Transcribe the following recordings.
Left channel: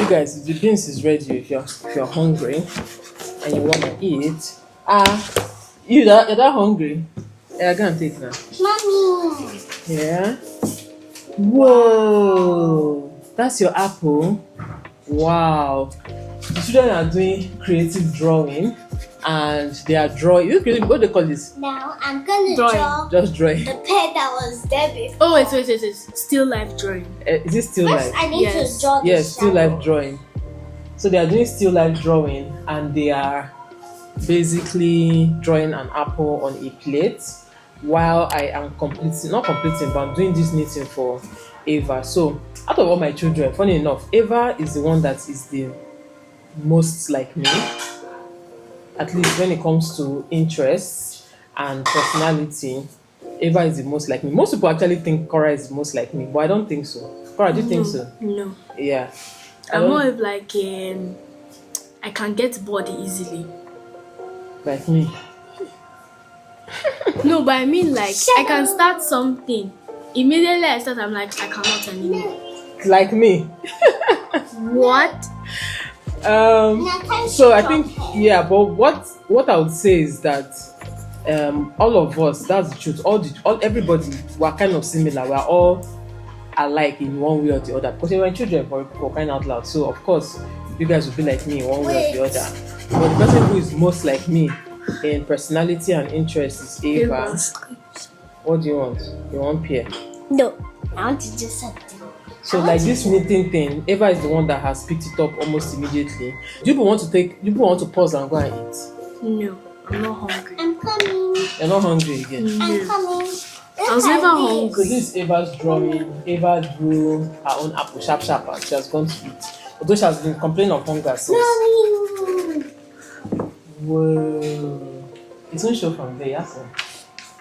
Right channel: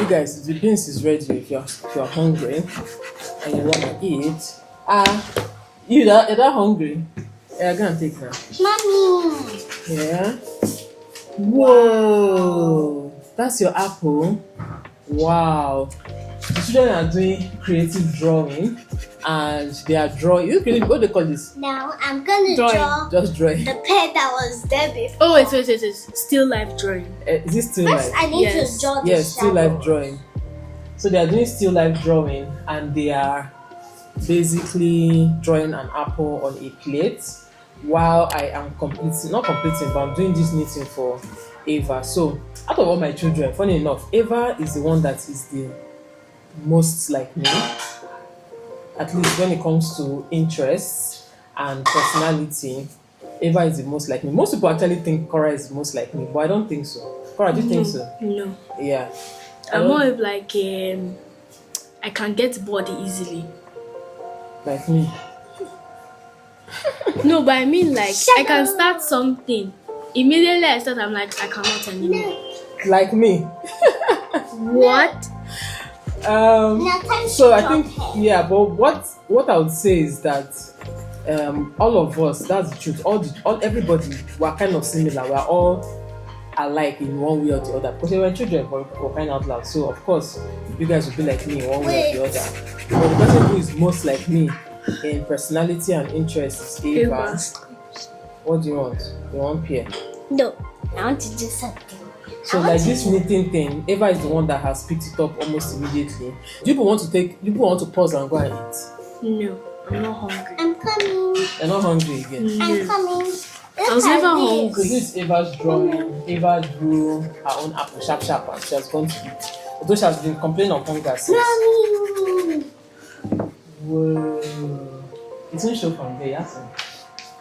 You guys, the beans is ready if you're hungry and you wanna eat. You're that hungry? Yeah, go and take that. Mommy. Yeah. Whoa, that's your apple. Wow. The children are doing creative drawing and they are drawing. What do they call this? Now I'm gonna draw Just drawing. the pet that was there before. Oh, wait. Still life drawing. Is it still First, life? I need to draw the Yes, still shadow. life drawing. So they are doing still life drawing and they are basically drawing an apple on a plate while I am not completing, but I'm doing this knitting for Ava. So out of all my children, funny enough, Ava is the one that is the most like me, at least when it comes to interests and personality. Ava is the most like me. Most people actually think KORA is the most like me, but I don't think so. KORA, do you think so? No. Yeah. I'm more of like I can get bored easily. Like me. No, but I mean like I can start something. Immediately I start, I'm like, I cannot anymore. Like me. What? So I think but what I would say is that all of us, that's the truth, everybody, we're kind of similar. We're all alike in one way or the other because we were children for crying out loud. So of course you guys will be like me in one way or the other. But the person who is most like me in personality and interest is Ava. What do you want? You want pear? No, I want to do something. So like this knitting thing, Ava is the one that has picked it up almost immediately. Do you want to pause and go and eat? No, I'm not hungry. I'm coming. You're not hungry again? I'm coming. I was never hungry. This is Ava's drawing. Ava drew her own apple sharp and she has gone to eat. Although she has been complaining of hunger since. Mommy. Whoa. It won't show from there, yes?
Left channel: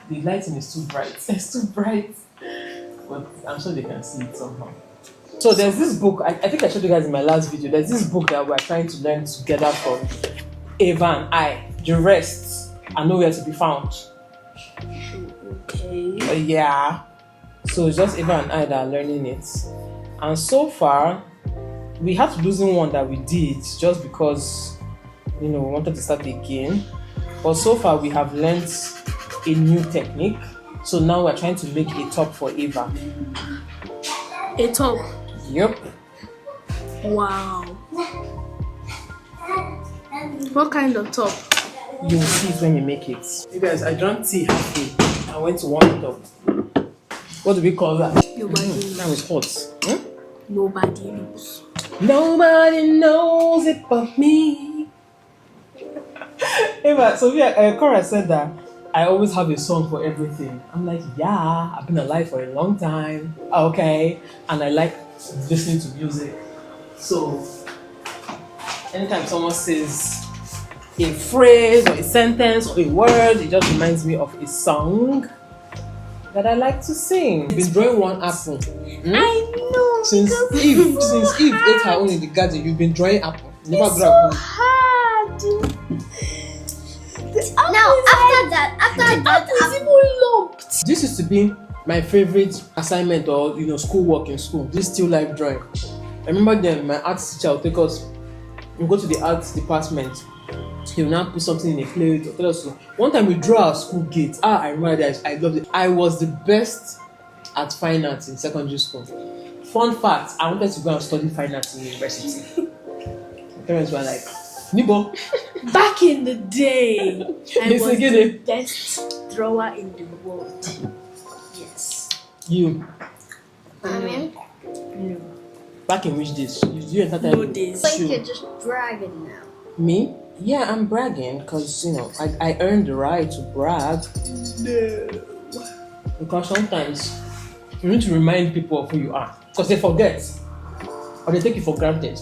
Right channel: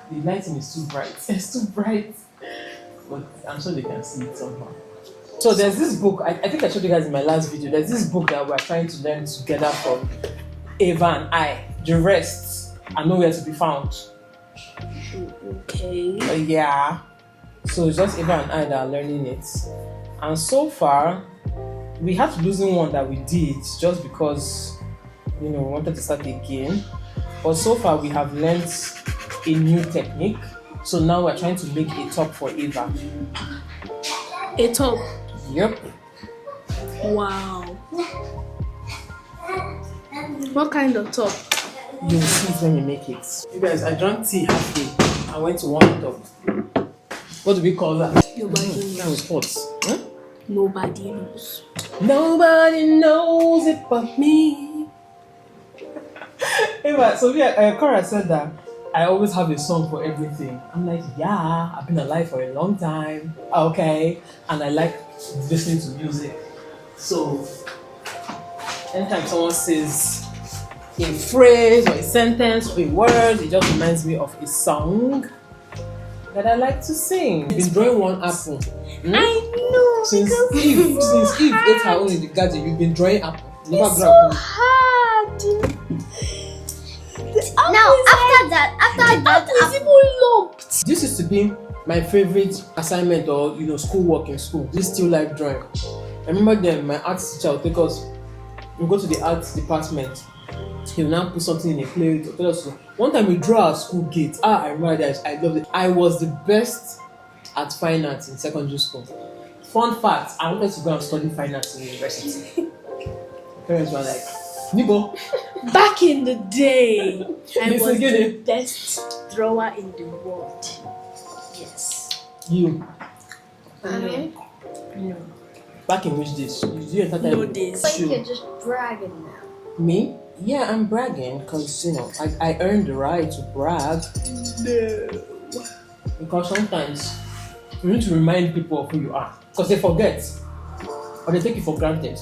The lighting is too bright. It's too bright. But I'm sure they can see it somehow. So there's this book, I think I showed you guys in my last video. There's this book that we're trying to learn together from Ava and I. The rest are nowhere to be found. Okay. Yeah. So it's just Ava and I that are learning it. And so far, we had to loosen one that we did just because, we wanted to start again. But so far, we have learned a new technique. So now we're trying to make a top for Ava. A top? Yep. Wow. What kind of top? You will see it when we make it. You guys, I drank tea halfway. I went to warm it up. What do we call that? Nobody That knows. was hot. Nobody knows. Nobody knows it but me. Ava, Sophia, KORA said that I always have a song for everything. I'm like, yeah, I've been alive for a long time. Okay. And I like listening to music. So, anytime someone says a phrase or a sentence or a word, it just reminds me of a song that I like to sing. You've been drawing one apple. I know. Since Eve ate her own in the garden, you've been drawing apple. Never It's grow so up. hard. Now, after that, It's even lumped. This used to be my favorite assignment or schoolwork in school. This still life drawing. I remember then my art teacher would take us, we go to the arts department. He will now put something in a plate. One time we drew our school gate. I remember that. I loved it. I was the best at fine arts in secondary school. Fun fact, I wanted to go and study fine arts in university. My parents were like, Nibo. Back in the day, I Yes, was I get the it. best drawer in the world. Yes. You. No. Back in which days? You entertain No me? days. so you're just bragging now. Me? Yeah, I'm bragging because I earned the right to brag. No. Because sometimes you need to remind people of who you are because they forget or they take it for granted.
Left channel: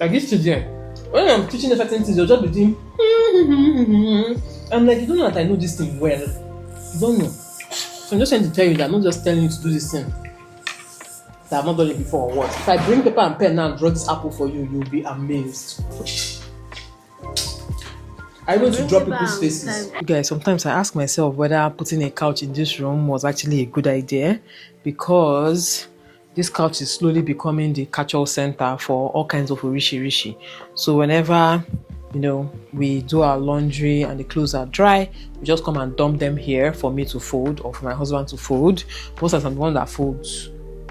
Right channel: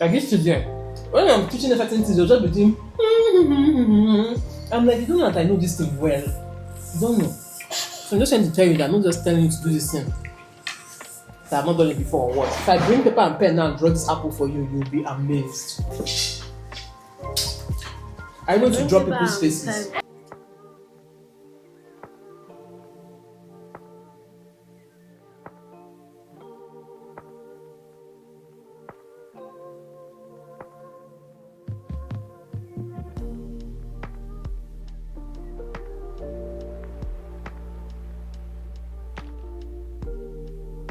Like this today, when I'm teaching a certain things, they'll just be doing. I'm like, you don't know that I know this thing well. You don't know. So I'm just trying to tell you that I'm not just telling you to do this thing that I've not done it before or what. If I bring paper and pen now and draw this apple for you, you'll be amazed. I want to draw people's faces. Guys, sometimes I ask myself whether putting a couch in this room was actually a good idea because this couch is slowly becoming the catch-all center for all kinds of rishi. So whenever, you know, we do our laundry and the clothes are dry, we just come and dump them here for me to fold or for my husband to fold. Most of the time, I'm the one that folds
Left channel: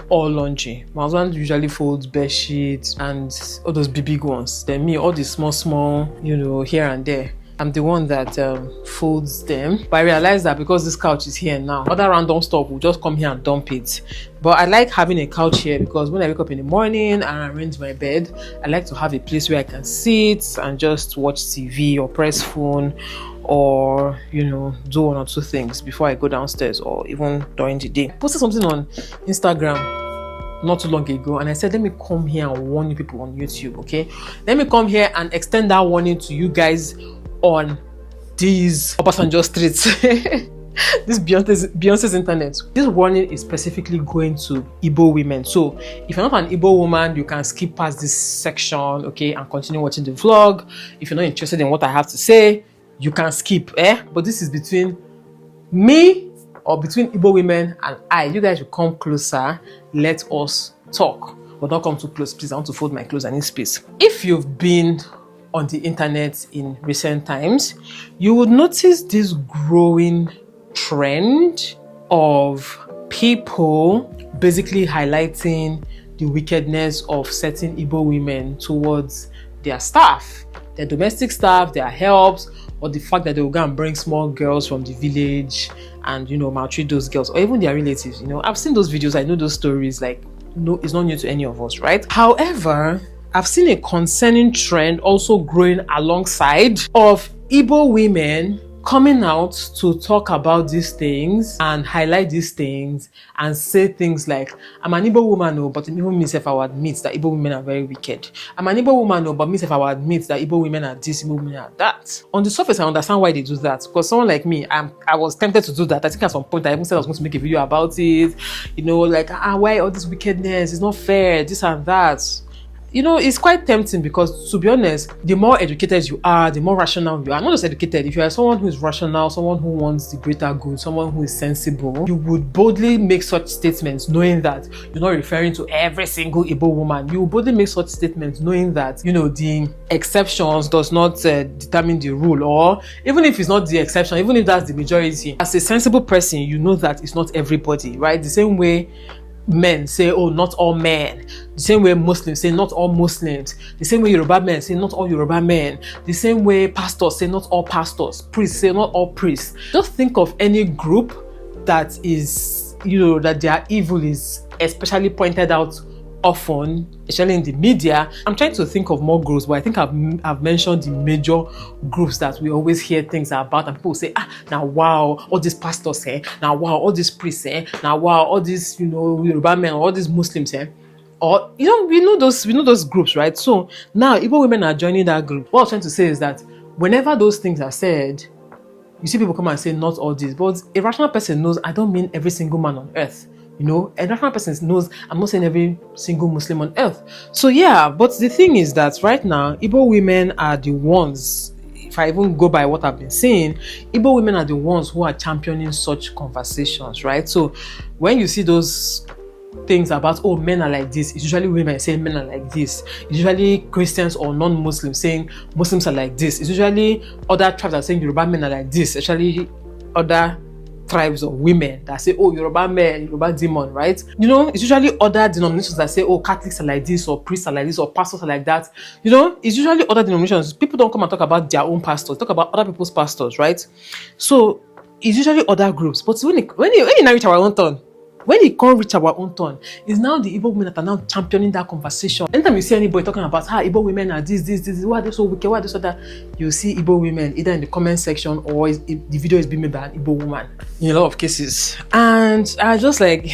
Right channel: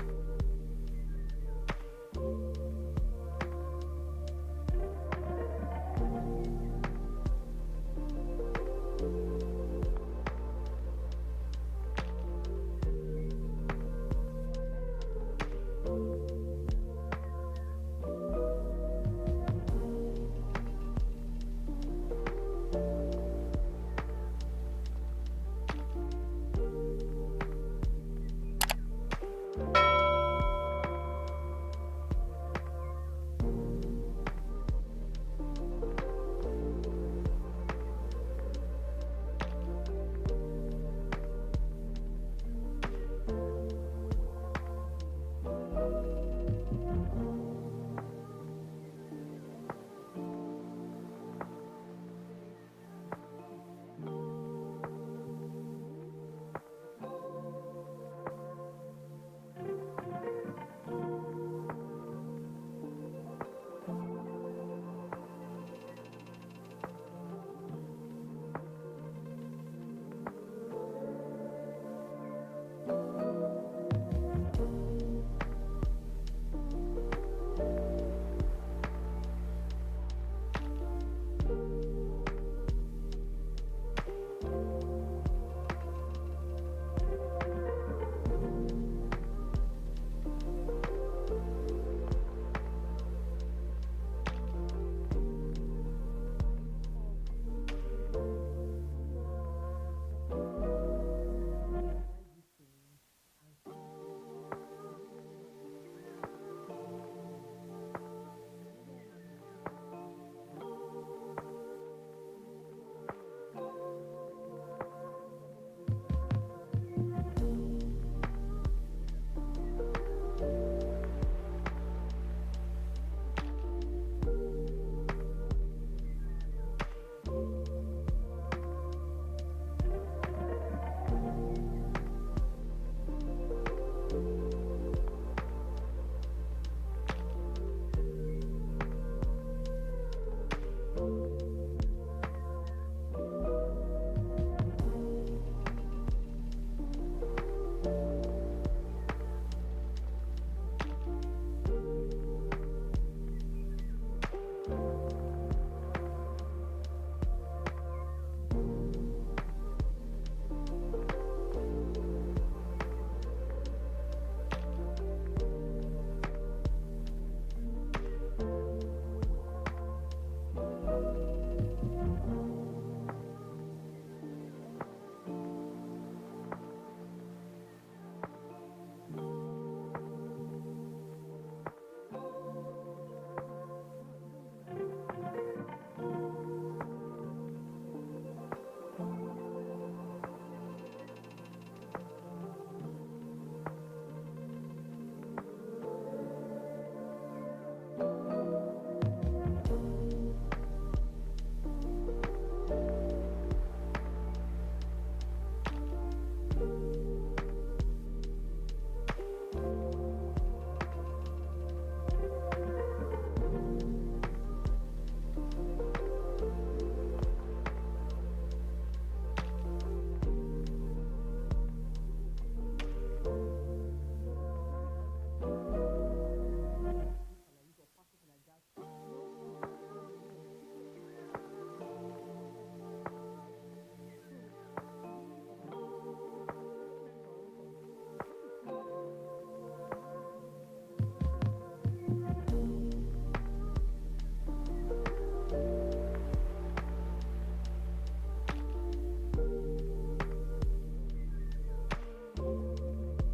all laundry. My husband usually folds bed sheets and all those big ones. Then me, all the small, you know, here and there. I'm the one that folds them. But I realized that because this couch is here now, other random stuff will just come here and dump it. But I like having a couch here because when I wake up in the morning and arrange my bed, I like to have a place where I can sit and just watch TV or press phone or, you know, do one or two things before I go downstairs or even during the day. I posted something on Instagram not too long ago and I said, let me come here and warn you people on YouTube, okay? Let me come here and extend that warning to you guys on these Obasanjo streets. This Beyonce's internet. This warning is specifically going to Igbo women. So if you're not an Igbo woman, you can skip past this section, okay, and continue watching the vlog. If you're not interested in what I have to say, you can skip, but this is between me or between Igbo women and I. You guys should come closer. Let us talk. But don't come too close, please. I want to fold my clothes. I need space. If you've been on the internet in recent times, you would notice this growing trend of people basically highlighting the wickedness of certain Igbo women towards their staff, their domestic staff, their helps, or the fact that they will go and bring small girls from the village and, you know, maltreat those girls, or even their relatives. You know, I've seen those videos, I know those stories, like, no, it's not new to any of us, right? However, I've seen a concerning trend also growing alongside of Igbo women coming out to talk about these things and highlight these things and say things like, I'm an Igbo woman, but even myself, I will admit that Igbo women are very wicked. I'm an Igbo woman, but myself, I will admit that Igbo women are this, Igbo women are that. On the surface, I understand why they do that, because someone like me, I was tempted to do that. I think at some point, I even said I was going to make a video about it, you know, like, why all this wickedness? It's not fair, this and that. You know, it's quite tempting because, to be honest, the more educated you are, the more rational you are. Not just educated. If you are someone who is rational, someone who wants the greater good, someone who is sensible, you would boldly make such statements knowing that you're not referring to every single Igbo woman. You would boldly make such statements knowing that, you know, the exceptions does not determine the rule, or even if it's not the exception, even if that's the majority, as a sensible person, you know that it's not everybody, right? The same way men say, oh, not all men. The same way Muslims say, not all Muslims. The same way Yoruba men say, not all Yoruba men. The same way pastors say, not all pastors. Priests say, not all priests. Just think of any group that is, you know, that their evil is especially pointed out often, especially in the media. I'm trying to think of more groups, but I think I've mentioned the major groups that we always hear things about, and people say, now wow, all these pastors, now wow, all these priests, now wow, all these, you know, Yoruba men, all these Muslims, or, you know, we know those groups, right? So now Igbo women are joining that group. What I'm trying to say is that whenever those things are said, you see people come and say, not all this, but a rational person knows I don't mean every single man on earth. You know, a rational person knows I'm not saying every single Muslim on earth. So yeah, but the thing is that right now, Igbo women are the ones, if I even go by what I've been saying, Igbo women are the ones who are championing such conversations, right? So when you see those things about, oh, men are like this, it's usually women saying men are like this. It's usually Christians or non-Muslims saying Muslims are like this. It's usually other tribes are saying Yoruba men are like this. Actually, other tribes of women that say, oh, Yoruba men, Yoruba demon, right? You know, it's usually other denominations that say, oh, Catholics are like this, or priests are like this, or pastors are like that. You know, it's usually other denominations. People don't come and talk about their own pastors, talk about other people's pastors, right? So it's usually other groups. But when you now reach our own turn, when it can't reach our own turn, it's now the Igbo women that are now championing that conversation. Anytime you see anybody talking about how Igbo women are this, why are they so wicked, why are they so that, you see Igbo women either in the comment section or the video is being made by an Igbo woman in a lot of cases. And I just like,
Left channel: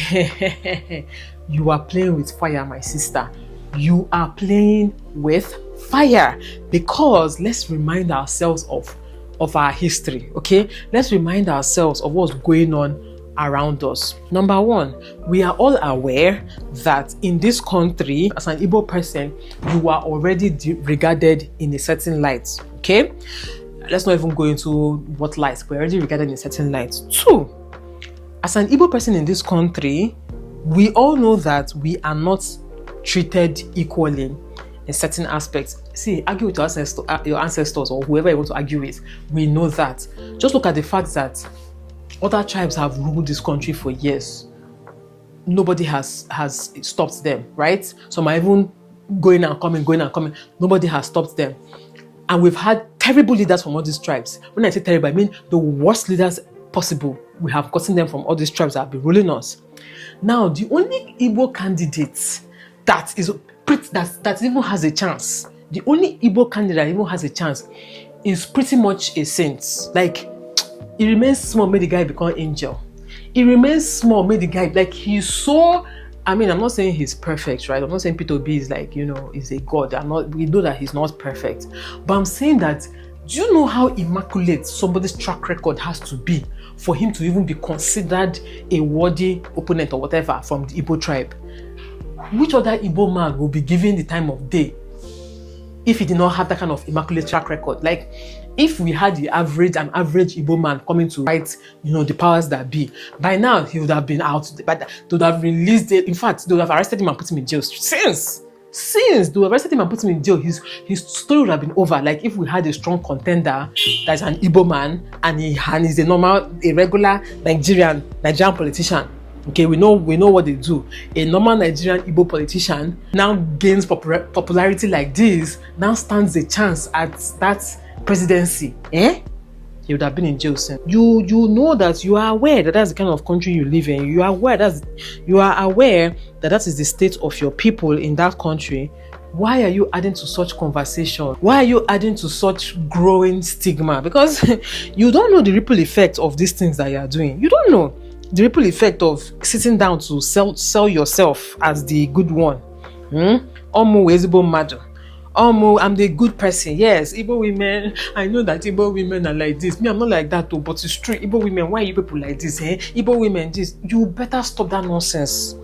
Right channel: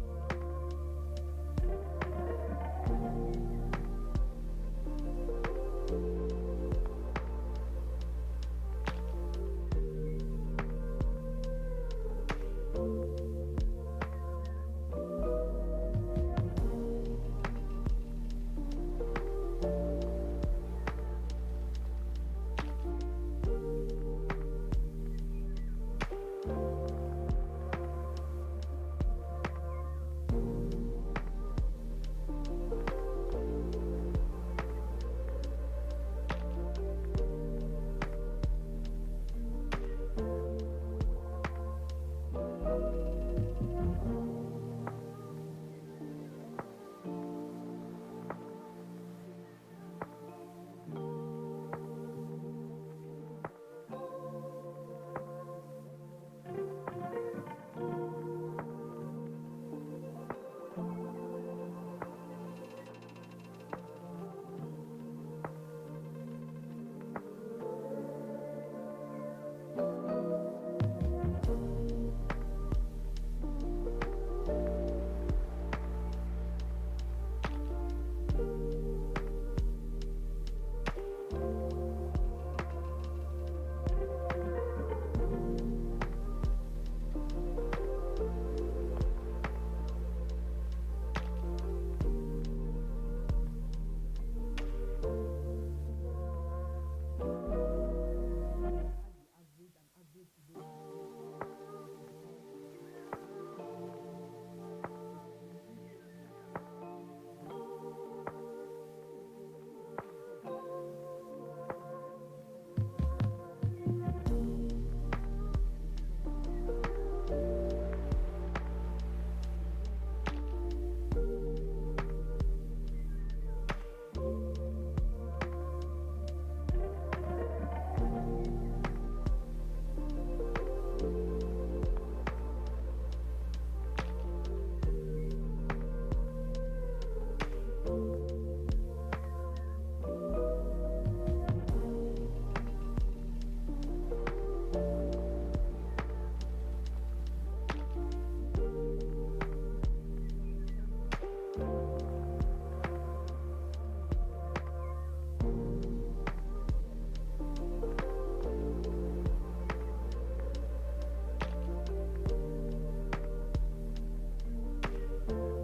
you are playing with fire, my sister. You are playing with fire, because let's remind ourselves of our history, okay? Let's remind ourselves of what's going on around us. Number one, we are all aware that in this country, as an Igbo person, you are already regarded in a certain light, okay? Let's not even go into what light, we're already regarded in a certain light. Two, as an Igbo person in this country, we all know that we are not treated equally in certain aspects. See, argue with your ancestors or whoever you want to argue with. We know that. Just look at the fact that other tribes have ruled this country for years. Nobody has stopped them, right? Some are even going and coming. Nobody has stopped them. And we've had terrible leaders from all these tribes. When I say terrible, I mean the worst leaders possible. We have gotten them from all these tribes that have been ruling us. Now, the only Igbo candidate that even has a chance, the only Igbo candidate that even has a chance is pretty much a saint. Like, it remains small, made the guy become angel. It remains small, made the guy, like, he's so, I mean, I'm not saying he's perfect, right? I'm not saying Peter B is like, is a god. We know that he's not perfect. But I'm saying that, do you know how immaculate somebody's track record has to be for him to even be considered a worthy opponent or whatever from the Igbo tribe? Which other Igbo man will be given the time of day if he did not have that kind of immaculate track record? Like, if we had an average Igbo man coming to fight, the powers that be, by now he would have been out. But they would have released it. In fact, they would have arrested him and put him in jail. Since they arrested him and put him in jail, his story would have been over. Like, if we had a strong contender that's an Igbo man and he's a regular Nigerian politician. Okay, we know what they do. A normal Nigerian Igbo politician now gains popularity like this, now stands a chance at that presidency. He would have been in jail soon. You know that you are aware that that's the kind of country you live in. You are aware that is the state of your people in that country. Why are you adding to such conversation? Why are you adding to such growing stigma? Because you don't know the ripple effect of these things that you are doing. You don't know the ripple effect of sitting down to sell yourself as the good one. I'm the good person. Yes, Igbo women, I know that Igbo women are like this. Me, I'm not like that though, but it's true. Igbo women, why are you people like this? Igbo women, this. You better stop that nonsense.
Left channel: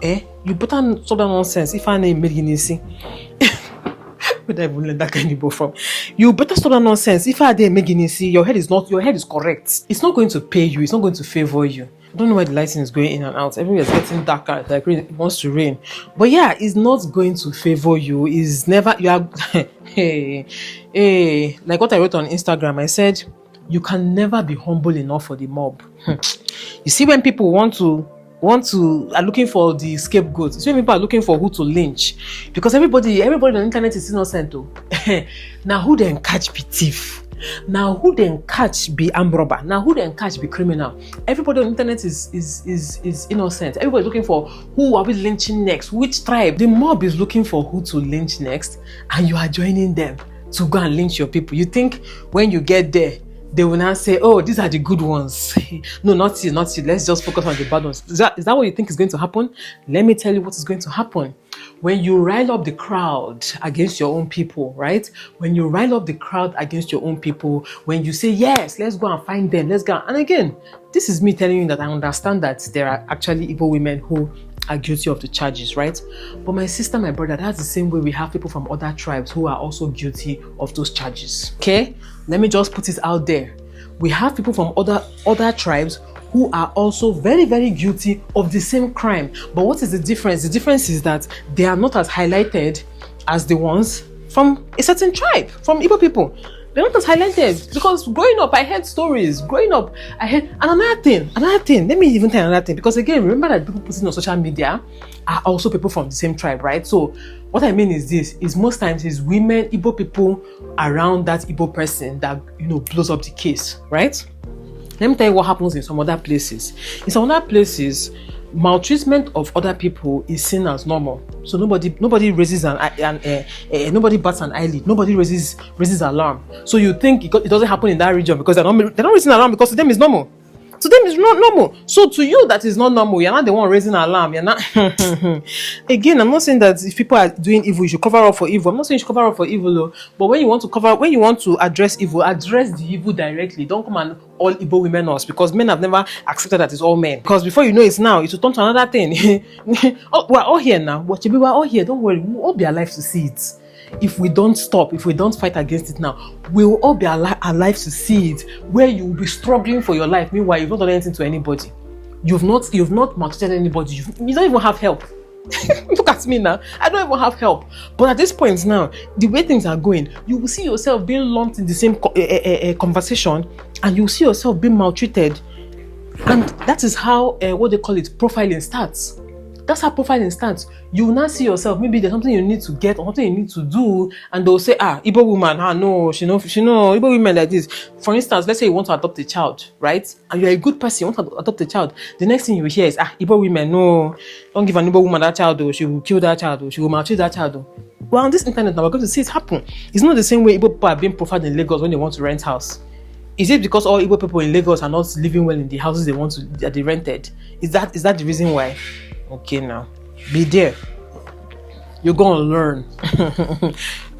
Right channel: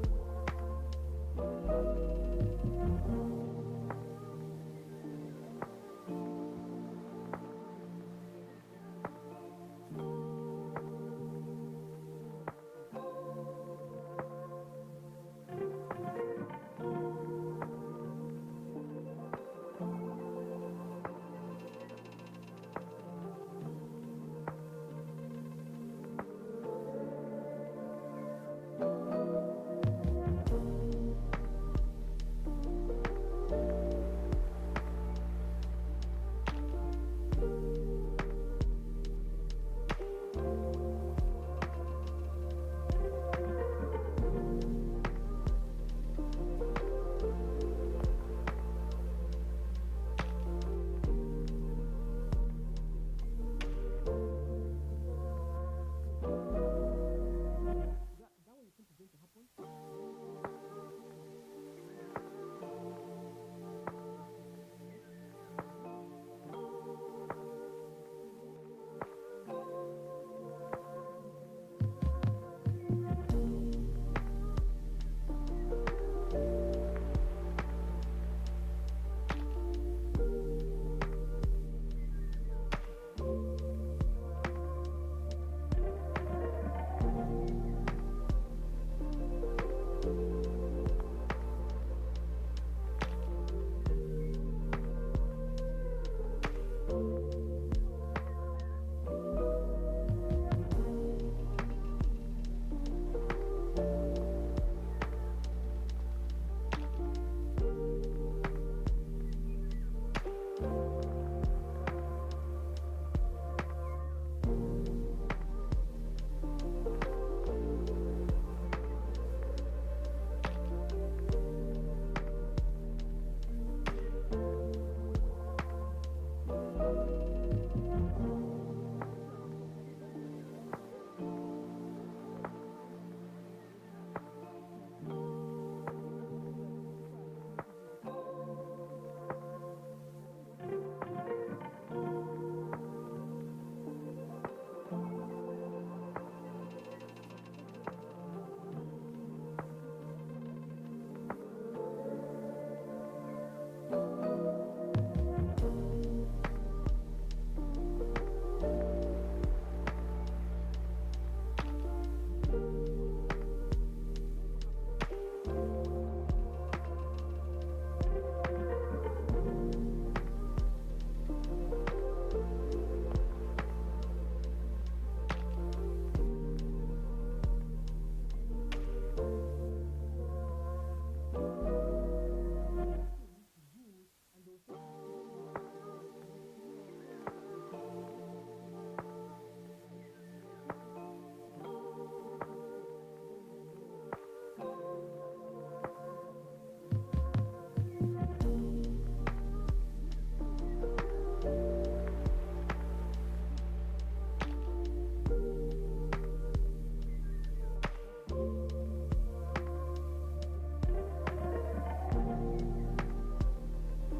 You better stop that nonsense. If I name Meginisi. Where did I even learn that kind of Igbo from? You better stop that nonsense. If I did Meginisi, your head is correct. It's not going to pay you. It's not going to favor you. I don't know why the lighting is going in and out. Everywhere is getting darker. Like it wants to rain. But yeah, it's not going to favor you. It's never. You are. Hey. Like what I wrote on Instagram, I said, you can never be humble enough for the mob. You see, when people are looking for the scapegoat. See, when people are looking for who to lynch, because everybody on the internet is innocent though. Now who then catch be thief? Now who then catch be armed robber? Now who then catch be criminal? Everybody on the internet is innocent. Everybody's looking for who are we lynching next? Which tribe? The mob is looking for who to lynch next, and you are joining them to go and lynch your people. You think when you get there, they will now say, oh, these are the good ones. No, not you. Let's just focus on the bad ones. Is that what you think is going to happen? Let me tell you what is going to happen. When you rile up the crowd against your own people, right? When you rile up the crowd against your own people, when you say, yes, let's go and find them, let's go. And again, this is me telling you that I understand that there are actually Igbo women who are guilty of the charges, right? But my sister, my brother, that's the same way we have people from other tribes who are also guilty of those charges. Okay? Let me just put it out there. We have people from other tribes who are also very, very guilty of the same crime. But what is the difference? The difference is that they are not as highlighted as the ones from a certain tribe, from Igbo people. They're not as highlighted because growing up, I heard stories. And another thing. Let me even tell another thing, because again, remember that people posting on social media are also people from the same tribe, right? So what I mean is this: is most times it's women, Igbo people around that Igbo person that blows up the case, right? Let me tell you what happens in some other places. In some other places, maltreatment of other people is seen as normal. So nobody raises nobody bats an eyelid. Nobody raises alarm. So you think it doesn't happen in that region because they're not raising alarm, because to them it's normal. To them it's not normal. So to you that is not normal. You're not the one raising alarm. You're not. Again, I'm not saying that if people are doing evil, you should cover up for evil. I'm not saying you should cover up for evil, though. But when you want to address evil, address the evil directly. Don't come and all Igbo women us, because men have never accepted that it's all men. Because before you know it now, it will turn to another thing. Oh, we're all here now. We're all here. Don't worry. We'll all be alive to see it. If we don't stop, if we don't fight against it now, we will all be alive to see it, where you will be struggling for your life. Meanwhile, you've not done anything to anybody. You've not maltreated anybody. You don't even have help. Look at me now. I don't even have help. But at this point now, the way things are going, you will see yourself being lumped in the same conversation, and you will see yourself being maltreated. And that is how what they call it, profiling starts. That's how profiling starts. You will not see yourself. Maybe there's something you need to get or something you need to do, and they'll say, Igbo woman, no, she know Igbo women like this. For instance, let's say you want to adopt a child, right? And you're a good person, you want to adopt a child. The next thing you hear is, Igbo women, no, don't give an Igbo woman that child, though. She will kill that child, though. She will maltreat that child, though. Well, on this internet now, we're going to see it happen. It's not the same way Igbo people are being profiled in Lagos when they want to rent house. Is it because all Igbo people in Lagos are not living well in the houses that they rented? Is that the reason why? Okay, now be there. You're gonna learn.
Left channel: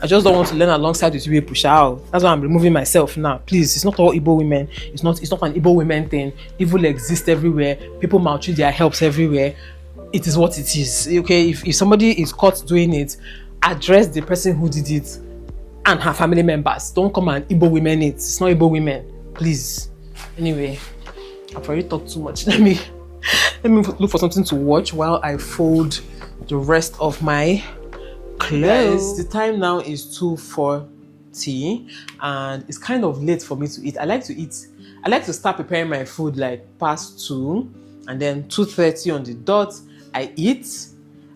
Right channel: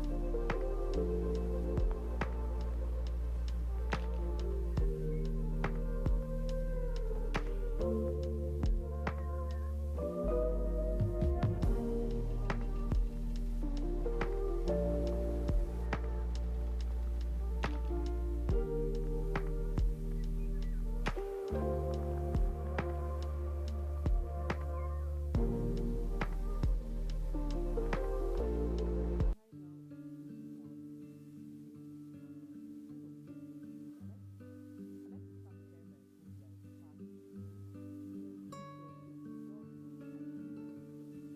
I just don't want to learn alongside with you, push out. That's why I'm removing myself now. Please, it's not all Igbo women. It's not an Igbo women thing. Evil exists everywhere. People maltreat their helps everywhere. It is what it is. Okay, if somebody is caught doing it, address the person who did it and her family members. Don't come and Igbo women it. It's not Igbo women. Please. Anyway, I've already talked too much. Let me look for something to watch while I fold the rest of my clothes. The time now is 2:40 and it's kind of late for me to eat. I like to start preparing my food like past 2, and then 2:30 on the dot I eat,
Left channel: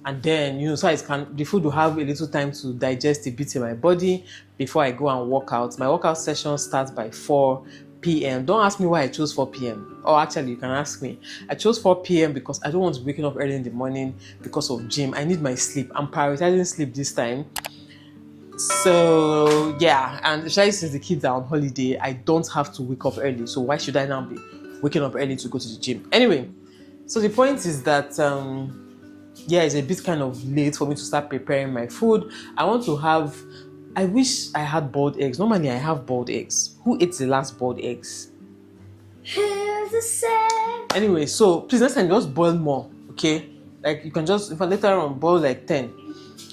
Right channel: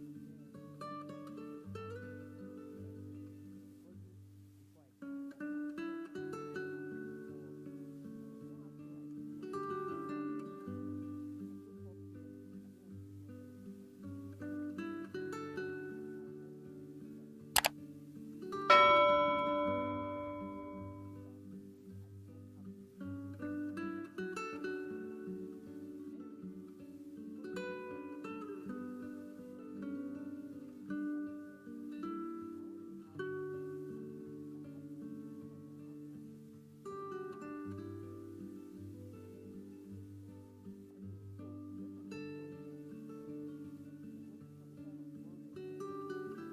and then so the food will have a little time to digest a bit in my body before I go and work out. My workout session starts by 4 p.m. Don't ask me why I chose 4 p.m. Or actually, you can ask me. I chose 4 p.m. because I don't want to be waking up early in the morning because of gym. I need my sleep. I'm prioritizing sleep this time. So, yeah. And especially since the kids are on holiday, I don't have to wake up early. So why should I now be waking up early to go to the gym? Anyway, so the point is that, it's a bit kind of late for me to start preparing my food. I wish I had boiled eggs. Normally, I have boiled eggs. Who ate the last boiled eggs? Here's the set. Anyway, so please next time just boil more, okay? Like you can just, if I later on boil like 10.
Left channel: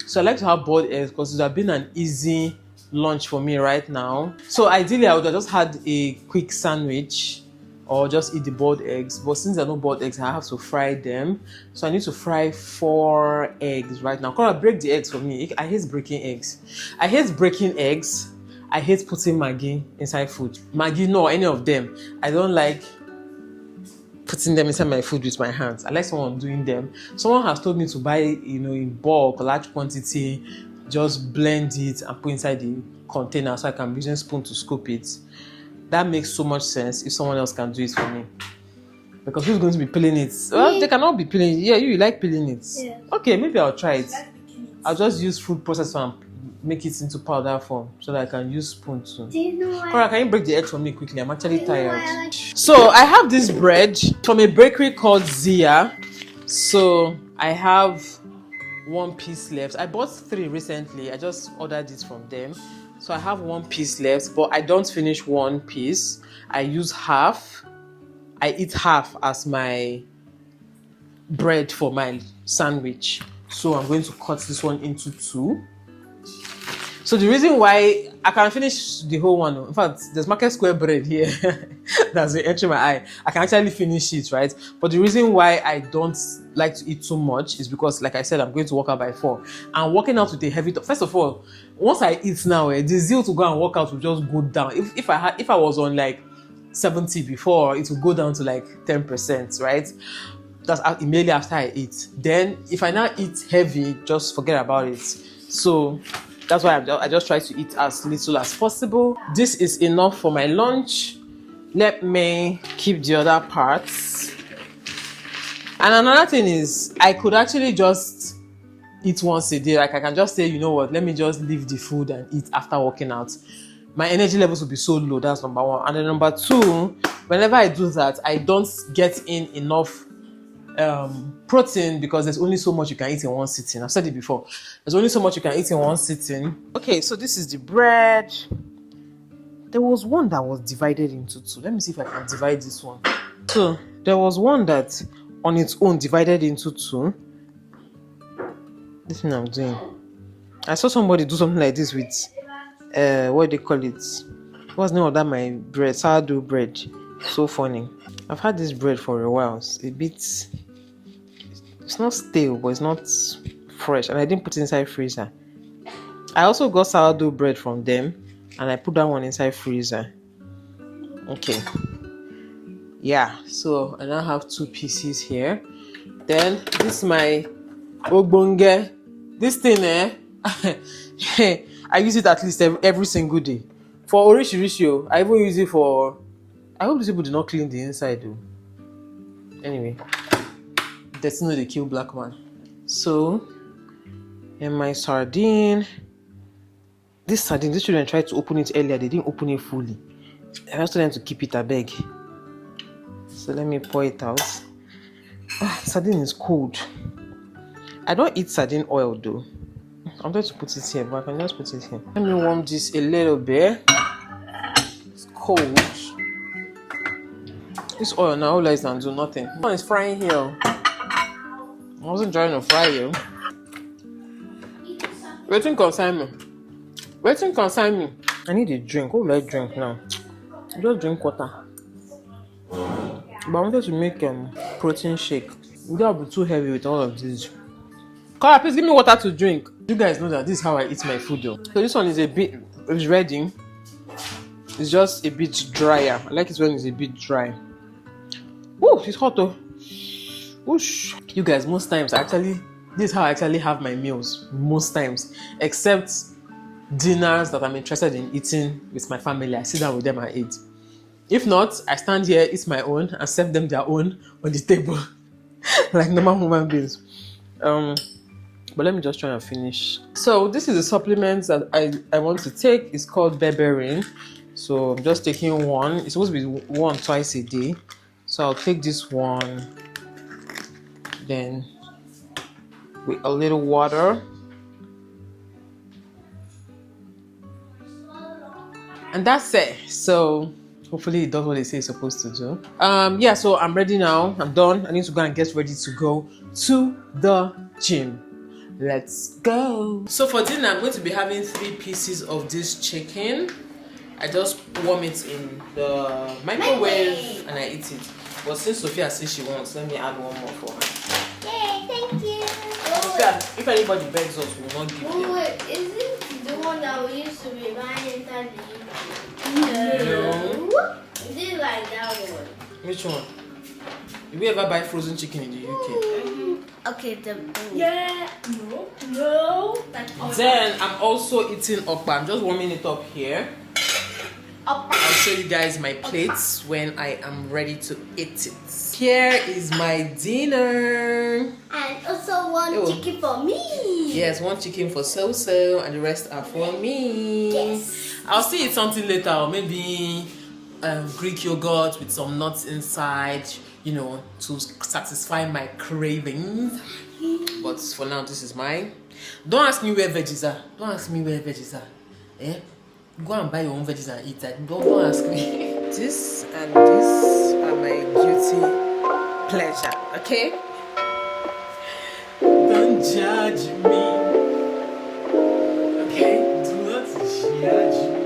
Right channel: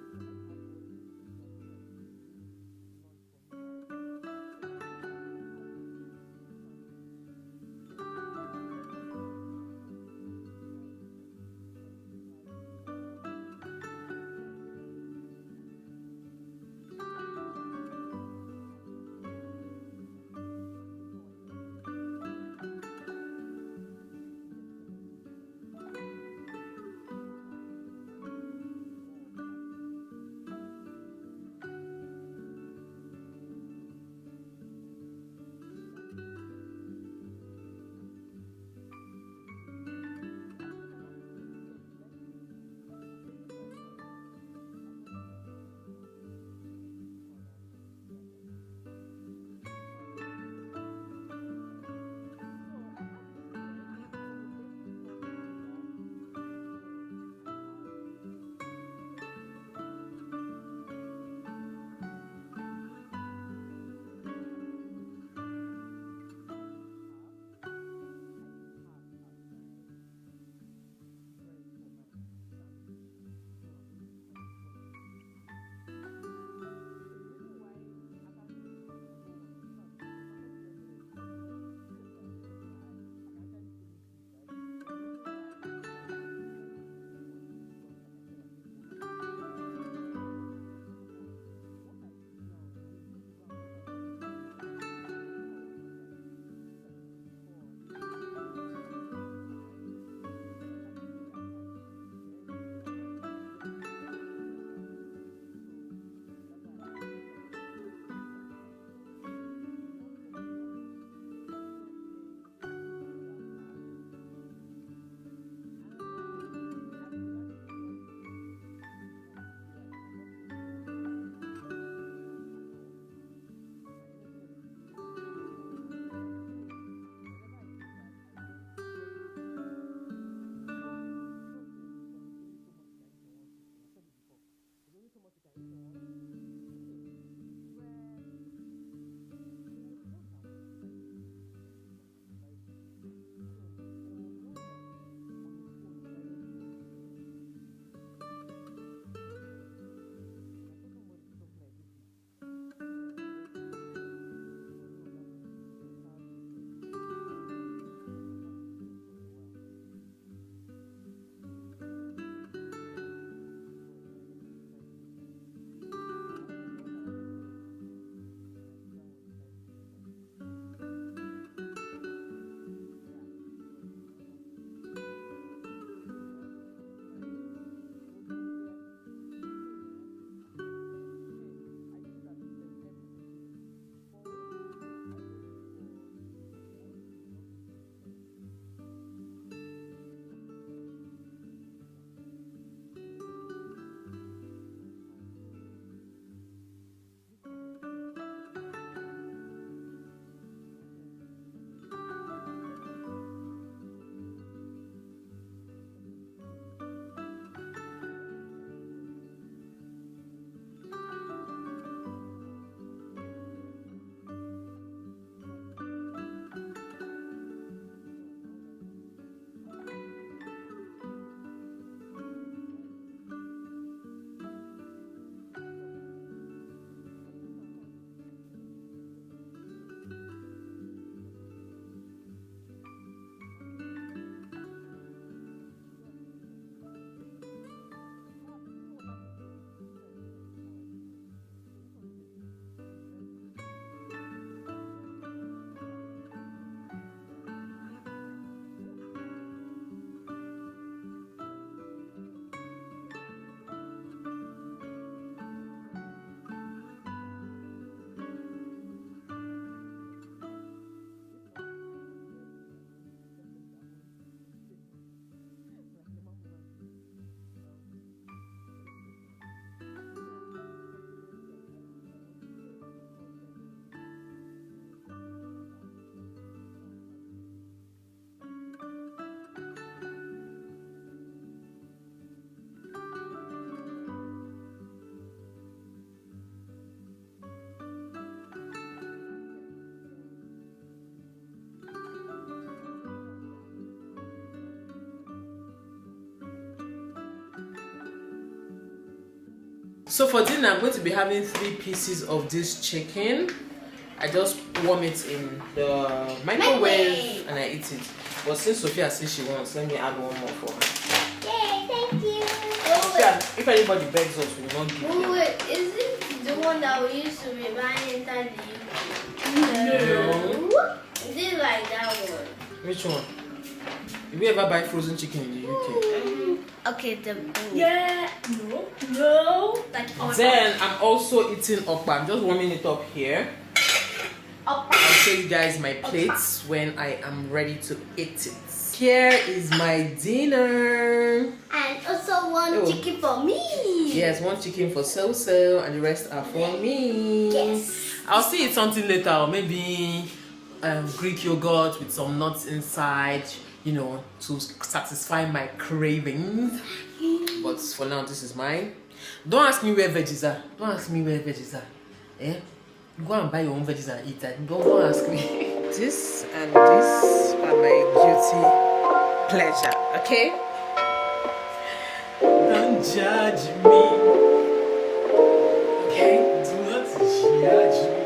So I like to have boiled eggs because it would have been an easy lunch for me right now. So ideally, I would have just had a quick sandwich or just eat the boiled eggs. But since there are no boiled eggs, I have to fry them. So I need to fry 4 eggs right now. Kaora, break the eggs for me. I hate breaking eggs. I hate breaking eggs. I hate putting Maggi inside food. Maggi, no, any of them. I don't like putting them inside my food with my hands. I like someone doing them. Someone has told me to buy, in bulk, large quantity, just blend it and put inside the container so I can be using spoon to scoop it. That makes so much sense if someone else can do it for me. Because who's going to be peeling it? Well, they cannot be peeling it. Yeah, you like peeling it. Yeah. Okay, maybe I'll try it. I'll just use food processor and make it into powder form so that I can use spoon too. Do you know why? Kaora, can you break the egg for me quickly? I'm actually tired. So I have this bread from a bakery called Zia. So I have 1 piece left. I bought 3 recently. I just ordered it from them. So I have 1 piece left, but I don't finish 1 piece. I use half. I eat half as my bread for my sandwich. So I'm going to cut this one into 2. So the reason why I can finish the whole one, in fact, there's Market Square bread here that's entering my eye. I can actually finish it, right? But the reason why I don't like to eat too much is because, like I said, I'm going to work out by 4. And working out with a heavy first of all, once I eat now, the zeal to go and work out will just go down. If I was on like 70 before, it will go down to like 10%, right? That's immediately after I eat. Then if I now eat heavy, just forget about it. So that's why I just try to eat as little as possible. This is enough for my lunch. Let me keep the other parts. And another thing is, I could actually just eat once a day. Like I can just say, you know what, let me just leave the food and eat after working out. My energy levels will be so low. That's number 1. And then number 2, whenever I do that, I don't get in enough protein because there's only so much you can eat in one sitting. I've said it before. There's only so much you can eat in one sitting. Okay, so this is the bread. There was one that was divided into 2. Let me see if I can divide this one. So there was one that on its own divided into 2. This thing I'm doing. I saw somebody do something like this with what do they call it? What's the name of that? My bread, sourdough bread. So funny. I've had this bread for a while. It's a bit, it's not stale, but it's not fresh, and I didn't put it inside freezer. I also got sourdough bread from them, and I put that one inside freezer. Okay. Yeah, so I now have 2 pieces here. Then this is my ogbonge. This thing, I use it at least every single day. For orishirishi, I even use it for. I hope these people do not clean the inside though. Anyway, that's not the kill black man. So, and my sardine. This sardine, these children tried to open it earlier. They didn't open it fully. I asked them to keep it a beg. So let me pour it out. Sardine is cold. I don't eat sardine oil though. I'm going to put it here, but I can just put it here. Let me warm this a little bit. It's cold. This oil now all lies and do nothing. This one is frying here. I wasn't trying to fry you. Waiting concern me. Waiting concern me. I need a drink. What will I drink now? Just drink water. But I wanted to make protein shake. Without be too heavy with all of this. Kaora, please give me water to drink. You guys know that this is how I eat my food though. So this one is a bit, it's ready. It's just a bit drier. I like it when it's a bit dry. Oh, it's hot though. Whoosh. You guys, most times this is how I actually have my meals. Most times. Except dinners that I'm interested in eating with my family. I sit down with them and eat. If not, I stand here, eat my own, and serve them their own on the table. Like normal human beings. But let me just try and finish. So this is the supplements that I want to take. It's called berberine. So I'm just taking one. It's supposed to be one twice a day. So I'll take this one. Then with a little water. And that's it. So hopefully it does what they say it's supposed to do. Yeah, so I'm ready now. I'm done. I need to go and get ready to go to the gym. Let's go. So for dinner, I'm going to be having 3 pieces of this chicken. I just warm it in the microwave and I eat it. But since Sophia says she wants, let me add one more for her. Yay, thank you. Sophia, if anybody begs us, we will not give them. Wait, is it the one that we used to be buying inside the No. Is it like that one? Which one? Did we ever buy frozen chicken in the UK? Okay, Yeah, no. Then I'm also eating okpa. I'm just warming it up here. I'll show you guys my plates when I am ready to eat it. Here is my dinner. And also one chicken for me. Yes, one chicken for So-So and the rest are for me. Yes. I'll still eat something later, or maybe Greek yogurt with some nuts inside, you know, to satisfy my cravings. But for now, this is mine. Don't ask me where veggies are. Don't ask me where veggies are. Eh? Go and buy your own veggies and eat that. Don't ask me. This and this are my guilty pleasure. Okay? Don't judge me. Okay? Do not judge me.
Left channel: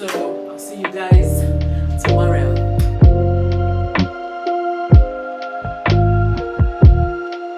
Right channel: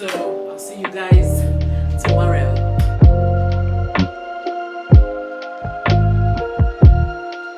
So I'll see you guys